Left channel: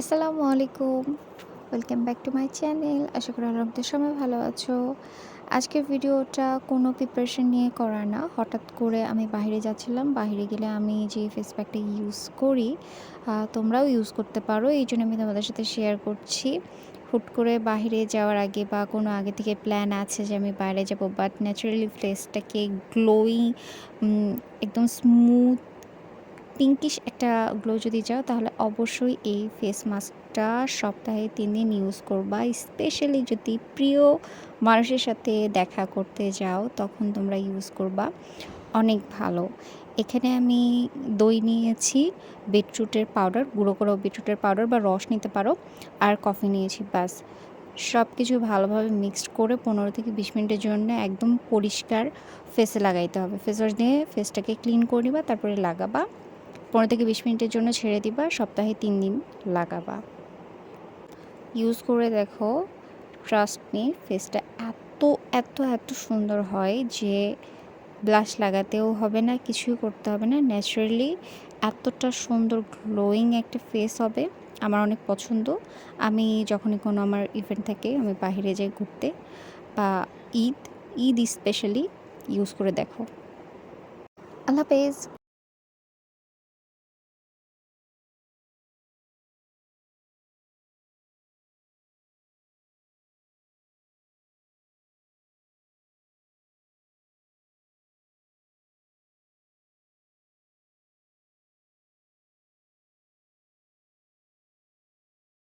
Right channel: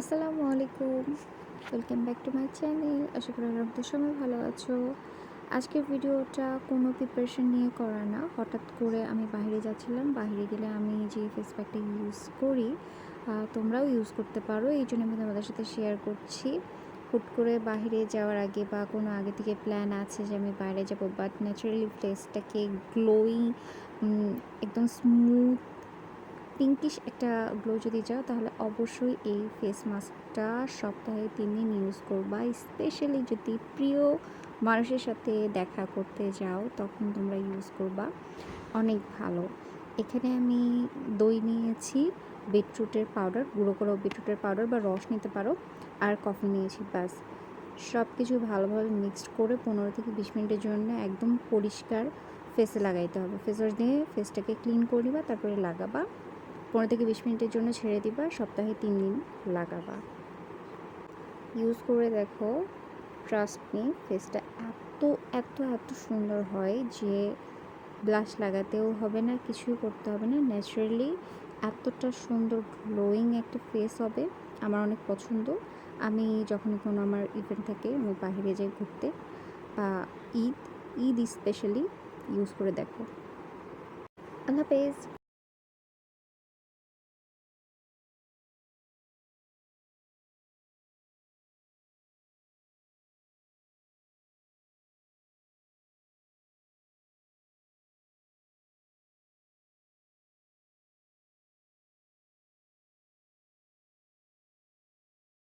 আসসালামু আলাইকুম। Welcome back to my channel. আশা করি আপনাদের সবাই ভালো আছো। আজকের ভিডিওটা কোনো প্রিপারেশন নিয়ে করা না। হঠাৎ করে আমি বাহিরে যাচ্ছিলাম। বাহিরে গেলে আমি যে ফেস প্যাকটা ইউজ করি, তোমরাও ইউজ করতে পারো। এইজন্য আমি তোমাদের সাথে শেয়ার করছি। হুট করে বাহিরে যাওয়ার আগে বা কোনো আগে থেকে প্ল্যান আছে যে আমি বাইরে যাবো, বাট ন্যাচারালি ফেসটাকে গ্লোয়িং, একদম স্মুথ পিঙ্কিশ একটা গ্লো যদি চাও তাহলে অবশ্যই এই ফেস মাস্কটা সপ্তাহে ৩ দিন ইউজ করবা। স্পেশালি যদি প্রিয় মানুষের সাথে দেখা করতে যাও তখন তোমরা ইউজ করবা। অনেক ভালো। এখানে আমি দই নিয়েছি, বিটরুটের পাউডার, গুঁড়ো করা বিটরুটের পাউডার বা রস নিতে পারো, আর কফি নিয়েছি, ব্যাস। সব কিছু ভালোভাবে মিক্সড করে ১৫ থেকে ২০ মিনিটের জন্য একদম পরিষ্কার ফেসে লাগাইতে হবে। ফেস ওয়াশ দিয়ে ফেসটাকে ক্লিন করে নিবা, তারপরে লাগাবা। ১৫ থেকে ২০ মিনিটের জন্য ছেড়ে দিবা। সপ্তাহে ৩ দিন লাগাবা। ইউজ করে দেখো, ট্রাস্ট মি, ফেসটা এত সুন্দর হয় যে ব্লাশ লাগাতেও হবে না, কিছুই করতে হবে না। ন্যাচারালি এতটা সুন্দর গ্লোয়িং একটা ফেস হবে। আমার অনেক পছন্দ। আমি যখনই কোনো আমার ইভেন্ট থাকে, আমি বাহিরে যাই ঘুরতে বা ঈদ স্পেশালি ইউজ করে দেখো। আল্লাহ হাফেজ।